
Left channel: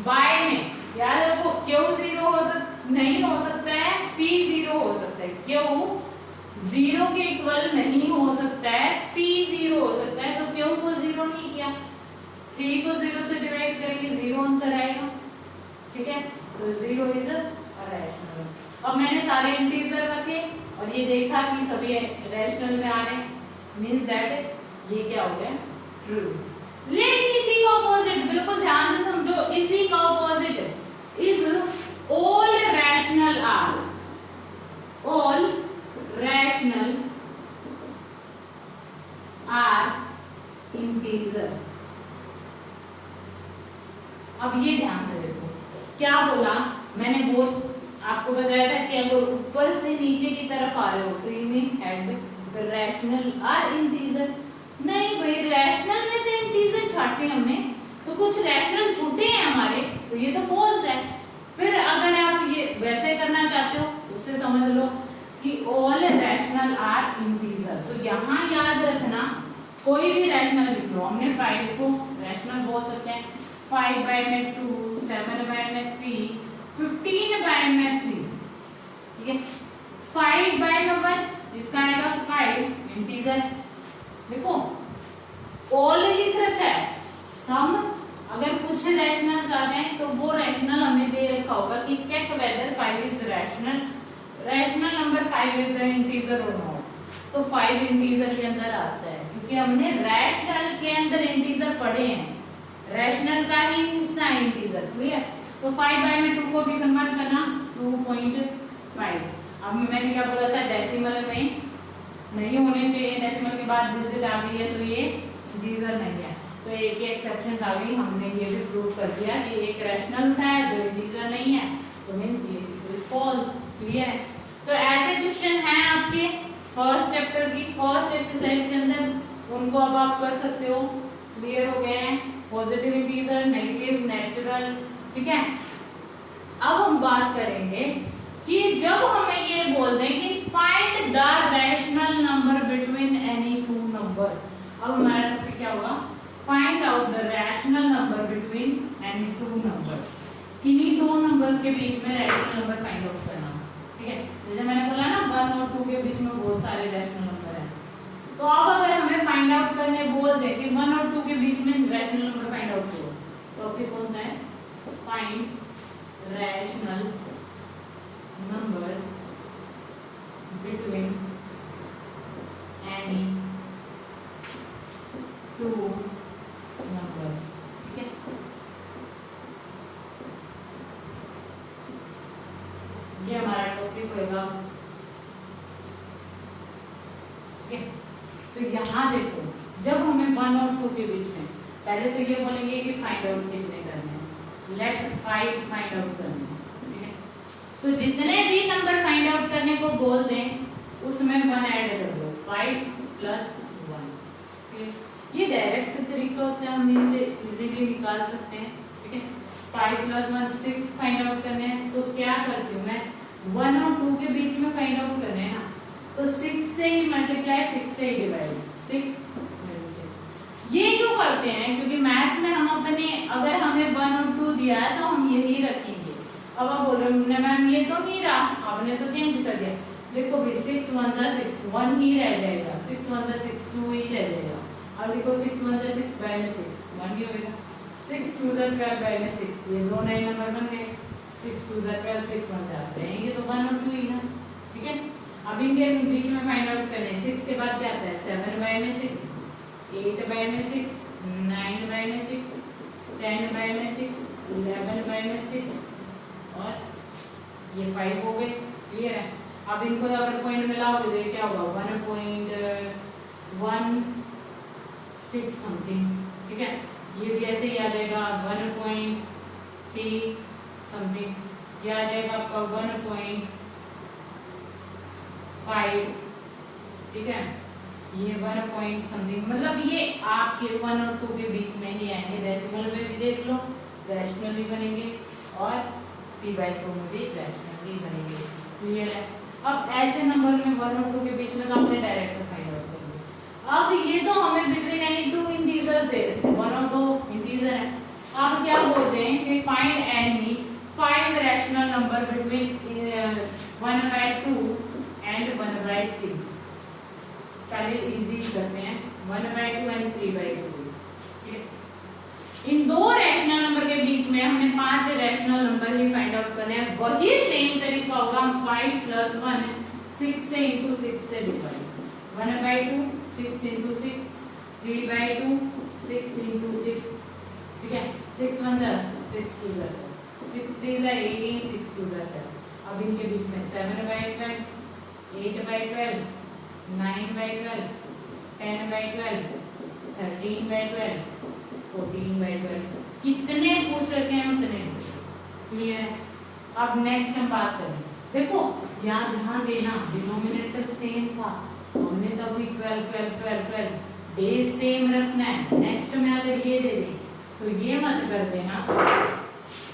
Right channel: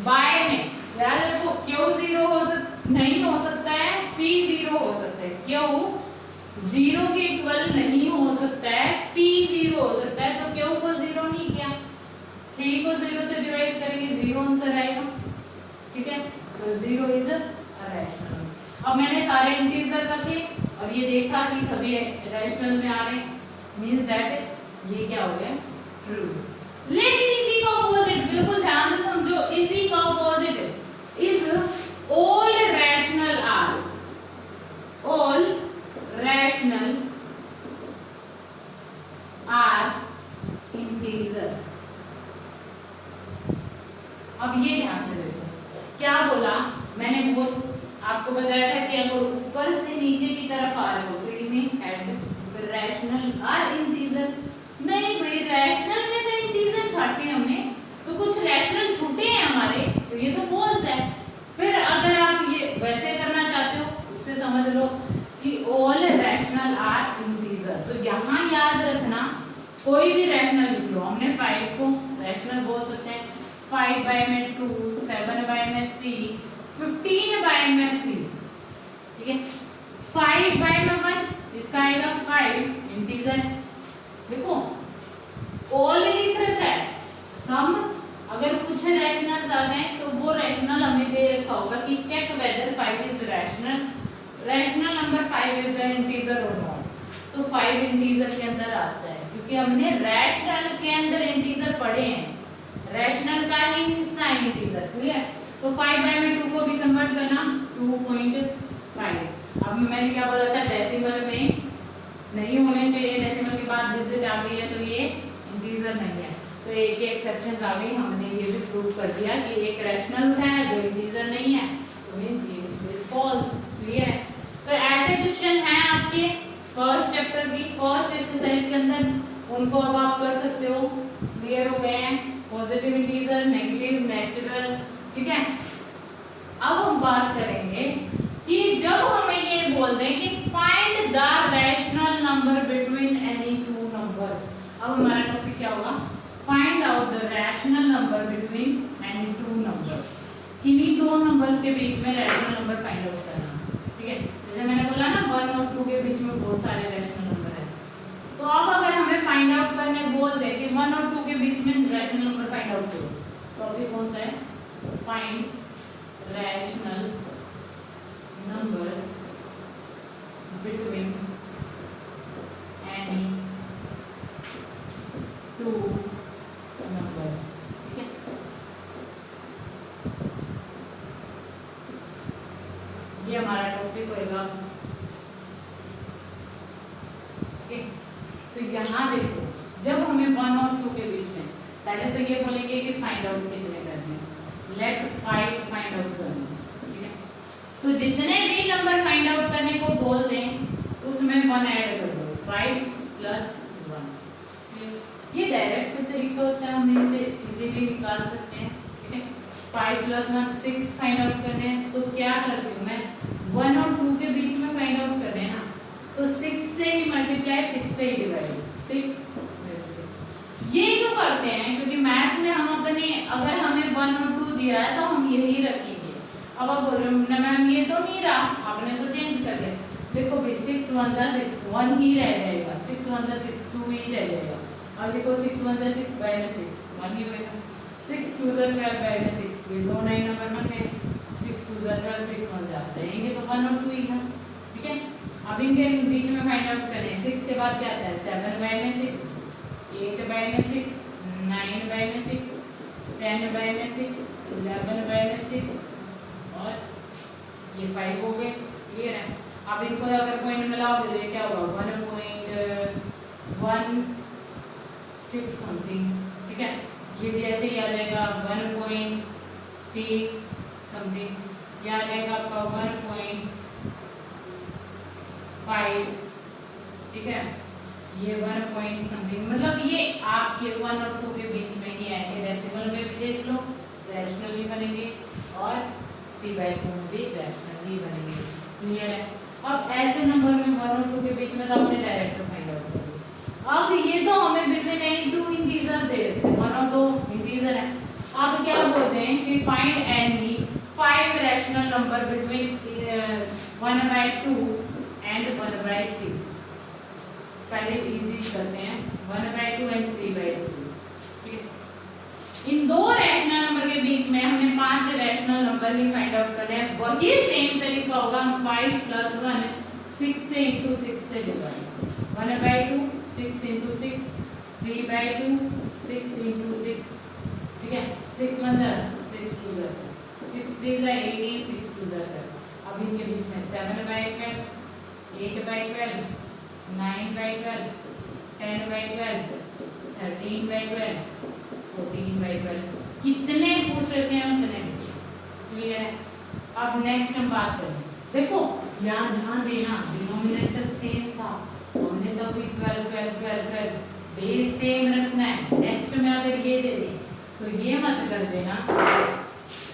बाय में, याद रखो क्यों 0 नहीं हो सकता है, p 0 हो सकता है, क्यों 0 के इक्वल नहीं हो सकता है, p 0 हो सकता है, तो क्यों को 0 नहीं किया, 3 को 0 से डिवाइड करेंगे 0 आंसर आएगा, ठीक है। तो 0 इज अ रैशनल। अब मैंने सारे इंटीजर रखे और ये देखा कि सभी रैशनल में आ रहे हैं, मींस दैट ये क्या हो गया, ट्रू। लेकिन इसी का ऑपोजिट, बिल्कुल ध्यान से समझो, इसी का opposite is all rational are, all rational are integer। अब ये ध्यान से देखो क्या बोला मैंने, बहुत आपको बताया था कि अगर ऊपर से नीचे की तरफ आ रहे हो ट्री में हेड रैशनल आर इंटीजर, नहीं भाई रैशनल में से इंटीजर छाटे हमने तो कुछ रैशनल छूटे हैं हमारे, तो ये तो फॉल्स है। फिर अगर आप ये वैसे करना चाहते हो, उससे समझ लो कि ऑल रैशनल आर इंटीजर, तो यहाँ याद रखना कोई भी रैशनल लिख लो, हमने 5 को रैशनल बोल सकते हैं, 5 बाय में 2, 7 बाय में 3, 15 बाय में 3, ठीक है। 5 बाय में 1, इसका आएगा 5 इंटीजर, देखो ऑल लिख रखा है, सम अगर कुछ रैशनल्स आ जाएं तो वो रैशनल हमने दे रखा होगा कि check whether 5 is rational, rational number 5 is an integer और नॉट, तो 5 इंटीजर के अंदर आता है, क्योंकि हमने रैशनल के अंदर इंटीजर पढ़े हैं, रैशनल का ही हिस्सा है इंटीजर, क्लियर। तो 5 बाय में 2 को भी कन्वर्ट करना 2.5। अब मैंने क्या बोला था, डेसिमल में नहीं होने चाहिए, डेसिमल के बाद डिजिट आ गई है तो ये इंटीजर नहीं है, तो एक एक्सेप्शन आ गई, हमने ये भी प्रूव कर दिया कि एक रैशनल है जो इंटीजर नहीं है, तो मींस ये इज फॉल्स, क्लियर है। तो ऐसे क्वेश्चन हैं आपके फर्स्ट चैप्टर की फर्स्ट एक्सरसाइज के अंदर, उनको अब आप कर सकते हो, क्लियर हो गए हैं, पॉजिटिव इंटीजर, नेगेटिव, नेचुरल, ठीक है। अब हम बात करेंगे कि जब हमें ये बोल दें कि find the rational number between any two numbers, अब हमारा टॉपिक क्या होगा, find out the rational number between any two numbers, इन्हीं दो नंबर्स के बीच में रैशनल नंबर फाइंड आउट करना, ठीक है। जैसे मैंने बोला ना 1 और 2 के बीच में बहुत सारे रैशनल नंबर हैं, तो अब अगर हमें फाइंड आउट करने बोल दे कि 1 और 2 के बीच में रैशनल नंबर फाइंड आउट करो, तो अभी कौन सा है, find rational numbers between any two numbers, ठीक है। ये हमारा टॉपिक होगा, ठीक है। तो यहाँ देखो, जब हमें 1 और 2 के बीच में, पहले तो ये बोलेंगे कि फाइंड आउट कितने करने हैं, लेट 5 फाइंड आउट करने हैं, ठीक है। तो जितने भी नंबर फाइंड आउट करने को बोल दें उसमें 1 ऐड कर दो, 5 + 1। ये डायरेक्ट तरीका होता है, हम इसे इजीली निकाल सकते हैं, ठीक है। 5 + 1 6 फाइंड आउट करने हैं, तो क्या करती हूँ मैं, 1 और 2 के बीच में फाइंड आउट करने हैं ना, तो 6 से ही मल्टीप्लाई, 6 से ही डिवाइड, 6 6। ये क्यों करते हैं, क्योंकि मैथ्स में हम अपने, अगर हमें 1 और 2 दिया है तो हम यही रखेंगे। अब आप बोल रहे हो मैम ये तो नहीं रहा, आपने तो चेंज कर दिया, देखो भी 6 1 + 6 1 ही रह जाएगा, 6 1 + 6 2 ही रह जाएगा। अब देखो 6 1 + 6 बाय में 6 1 ही होगा, 6 2 = 12 बाय में 6, ये दो नए नंबर बन गए, 6 2 = 12 6 1 4 रहेंगे तो 1 और 2 ही है, ठीक है। अब इनके बीच में फाइंड आउट करें, 6 के बाद क्या आता है, 7 बाय में 6, 8 बाय में 6, 9 बाय में 6, 10 बाय में 6, 11 बाय में 6 और ये 5 हो गए, क्लियर है। अब इनको अगर पॉइंट में लाओगे तो ये क्या होगा, 1.16 समथिंग, ठीक है। ये भी ऐसे ही आ जाएगा 1.3 समथिंग, ये आ जाएगा आपका 1.5, ठीक है। ये 1 पॉइंट समथिंग, मतलब ये आपके 1 और 2 के बीच में ही आएंगे। डेसिमल में भी देख लो रैशनल ही बनेंगे और p/2 में भी रैशनल ही बनेंगे, क्लियर है। अब ऐसे नंबर में 1 और 2 के बीच में तो आपने डायरेक्ट फाइंड आउट कर लिया। अब ये तो हमें बिटवीन एनी टू इंटीजर्स दे रहे थे, 1 और 2 इंटीजर है। अब क्या बोल रहे हैं कि find any 5 rational number between 1/2 and 1/3। पहले इजी करते हैं, 1/2 एंड 3/2, ठीक है। इन दो रैशनल नंबर के बीच में हमने 5 रैशनल नंबर ही फाइंड आउट करने हैं। वही सेम तरीका होगा, 5 + 1 6 से इंटू 6 से डिवाइड, 1/2 6 × 6, 3/2 6 × 6, ठीक है। 6 1 6 2 6 3 18 6 2 अब इनके बीच में 7/12 8/12 9/12 10/12 13/12 14/12, कितने पूछ रहे थे हम, उतने, क्लियर है। अब नेक्स्ट हम बात करें, देखो यहाँ ध्यान देना, डिनोमिनेटर सेम था, हमने तो अभी 12 12 12 12 बेस सेम रखना है। नेक्स्ट में अगर ये दे दें तो ये मत कर देना।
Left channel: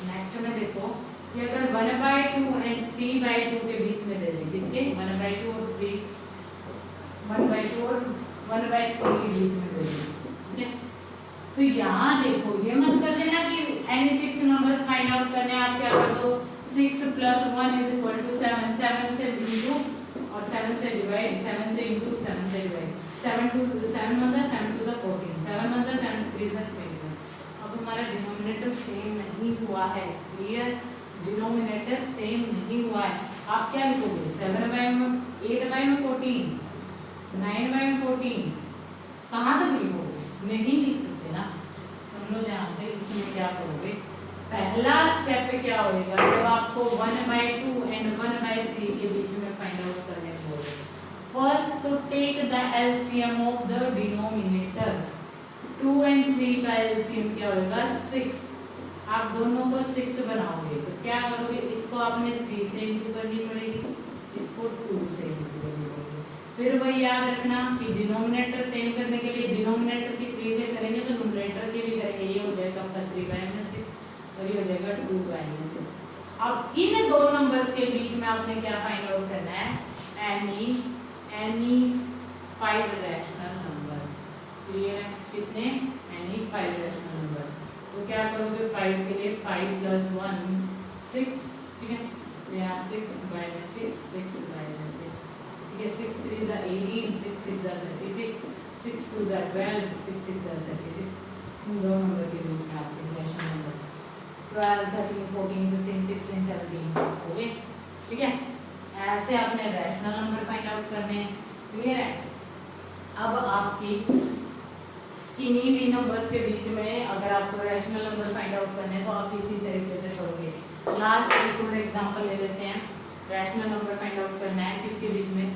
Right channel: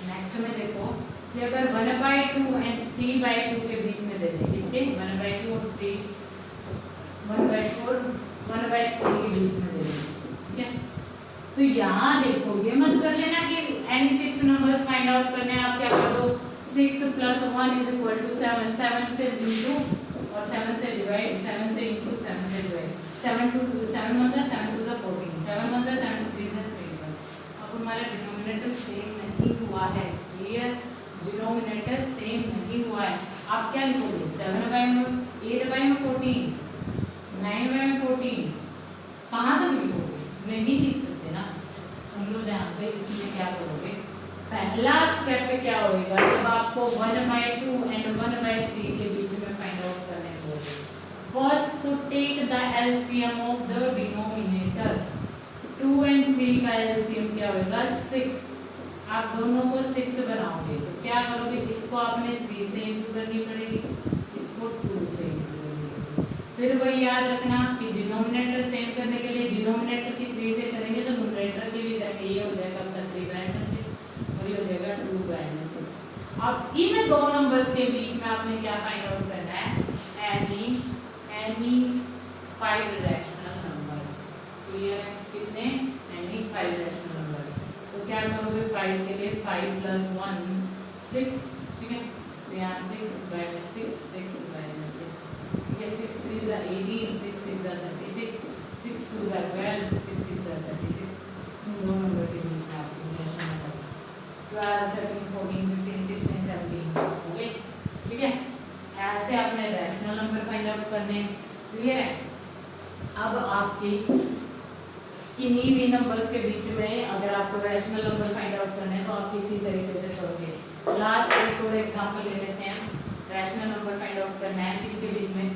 नेक्स्ट में देखो कि अगर 1/2 एंड 3/2 के बीच में दे दें, किसके 1/2 और 3, 1/2 और 1/3 के बीच में दे दें, ठीक है। तो यहाँ देखो ये मत कर देना कि एनी 6 नंबर्स फाइंड आउट करने हैं, आप क्या कर दो 6 + 1 = 7, 7 से इंटू और 7 से डिवाइड, 7 से इंटू 7 से डिवाइड, 7 2 7 1 7 2 14, 7 1 7 3 21। अब हमारा डिनोमिनेटर सेम नहीं हुआ है, क्लियर, डिनोमिनेटर सेम नहीं हुआ है। आप क्या लिखोगे, 8/14 9/14, कहाँ तक लिखोगे, नहीं लिख सकते ना। सुन लो ध्यान से, इसमें क्या करोगे, पहला स्टेप पे क्या होगा, जब आपको 1/2 एंड 1/3 के बीच में फाइंड आउट करने को बोले, फर्स्ट तो take the LCM of the denominators. 2 और 3 का एलसीएम क्या होगा, 6। आप दोनों को 6 बनाओगे तो क्या करोगे, इसको आपने 3 से इंटू करनी पड़ेगी, इसको 2 से इंटू करनी पड़ेगी। फिर वही याद रखना कि डिनोमिनेटर सेम करने के लिए डिनोमिनेटर की 3 से करेंगे तो न्यूमरेटर की भी करेंगे, ये हो जाएगा आपका 3/6 और ये हो जाएगा 2/6। अब इन दो नंबर्स के बीच में आपने क्या फाइंड आउट करना है, एनी 5 रैशनल नंबर्स, क्लियर है, कितने, एनी 5 रैशनल नंबर्स। तो क्या करोगे, 5 के लिए 5 + 1 6, ठीक है। तो यहाँ 6 बाय में 6, 6 बाय में 6, ठीक है। 6 3 जा 18, 6 6 जा 36, 6 2 जा 12, 6 6 जा 36। इन दो नंबर के बीच में आपके रैशनल नंबर 12 13 14 15 16 17 हो गए, ठीक है। ऐसे आपने रैशनल नंबर फाइंड आउट करने, क्लियर है। अब आपकी किन्हीं भी नंबर्स के बीच में अगर आपको रैशनल नंबर फाइंड आउट करने हैं तो आप इसी तरीके से करोगे। लास्ट एक और एग्जांपल ले लेते हैं। रैशनल नंबर फाइंड आउट करना है किसके बीच में,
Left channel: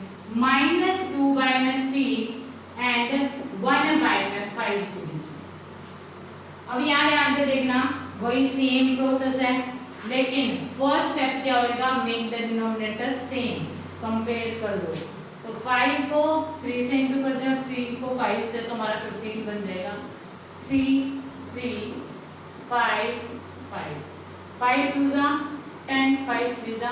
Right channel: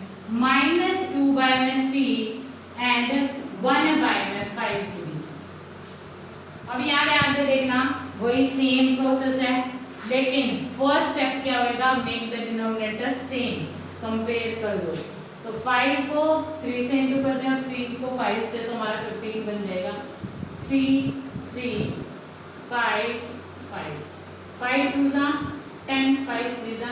-2 बाय में 3 एंड 1 बाय में 5 के बीच। अब यहाँ ध्यान से देखना, वही सेम प्रोसेस है, लेकिन फर्स्ट स्टेप क्या होगा, make the denominator same, compare कर दो। तो 5 को 3 से इंटू कर दें और 3 को 5 से, तो हमारा 15 बन जाएगा। 3 3 5 5 5 2 जा 10, 5 3 जा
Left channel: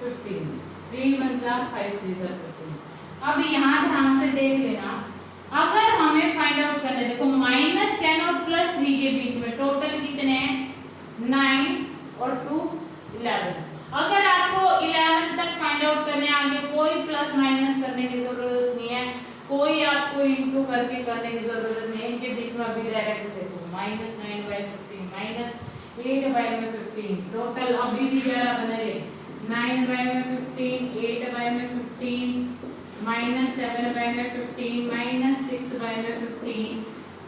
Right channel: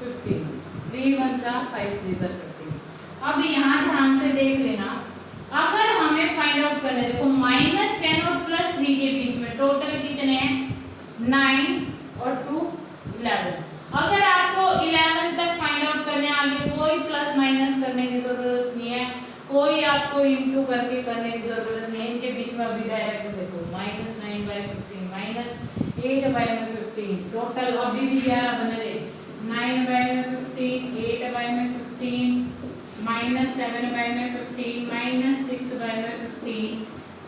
15, 3 1 जा 5 3 जा 15। अब यहाँ ध्यान से देख लेना, अगर हमें फाइंड आउट करना है, देखो -10 और +3 के बीच में टोटल कितने हैं, 9 और 2 11। अगर आपको 11 तक फाइंड आउट करने, आगे कोई प्लस माइनस करने की जरूरत नहीं है, कोई आपको इंटू करके करने की जरूरत नहीं है। इनके बीच में अभी डायरेक्ट देखो, -9 बाय 15 -8 बाय में 15, टोटल अभी भी 11 बने रहे। 9 बाय में 15, 8 बाय में 15, -7 बाय में 15, -6 बाय में 15,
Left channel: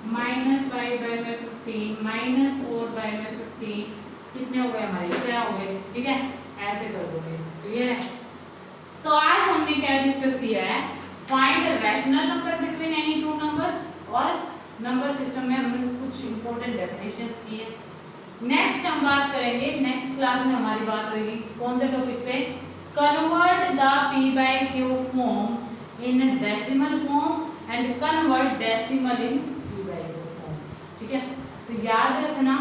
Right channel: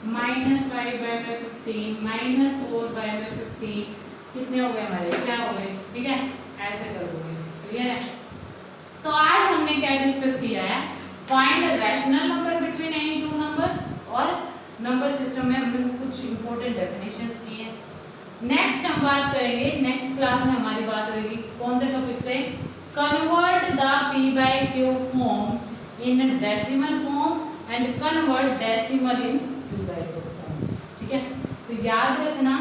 -5 बाय में 15, -4 बाय में 15, कितने हो गए हमारे, 6 हो गए, ठीक है। ऐसे कर दोगे, क्लियर है। तो आज हमने क्या डिस्कस किया है, find rational number between any two numbers, और नंबर सिस्टम में हमने कुछ इंपॉर्टेंट डेफिनेशंस की है। नेक्स्ट हम बात करेंगे, नेक्स्ट क्लास में हमारी बात होगी कौन से टॉपिक पे, convert the p by q form in decimal form and convert decimal in p by q form, ठीक है। तो याद रखना,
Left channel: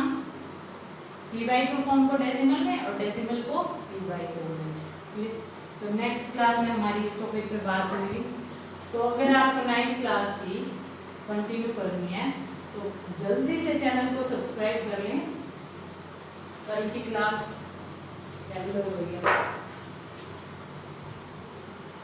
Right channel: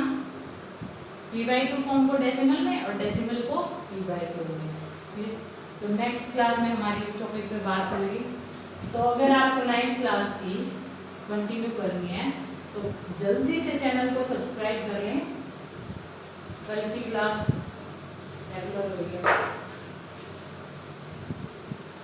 p बाय q फॉर्म को डेसिमल में और डेसिमल को p बाय q में। तो नेक्स्ट क्लास में हमारी इस टॉपिक पे बात होगी। तो अगर आपको 9th क्लास की कंटिन्यू करनी है तो जल्दी से चैनल को सब्सक्राइब कर लें, कल की क्लास रेगुलर हो गई है।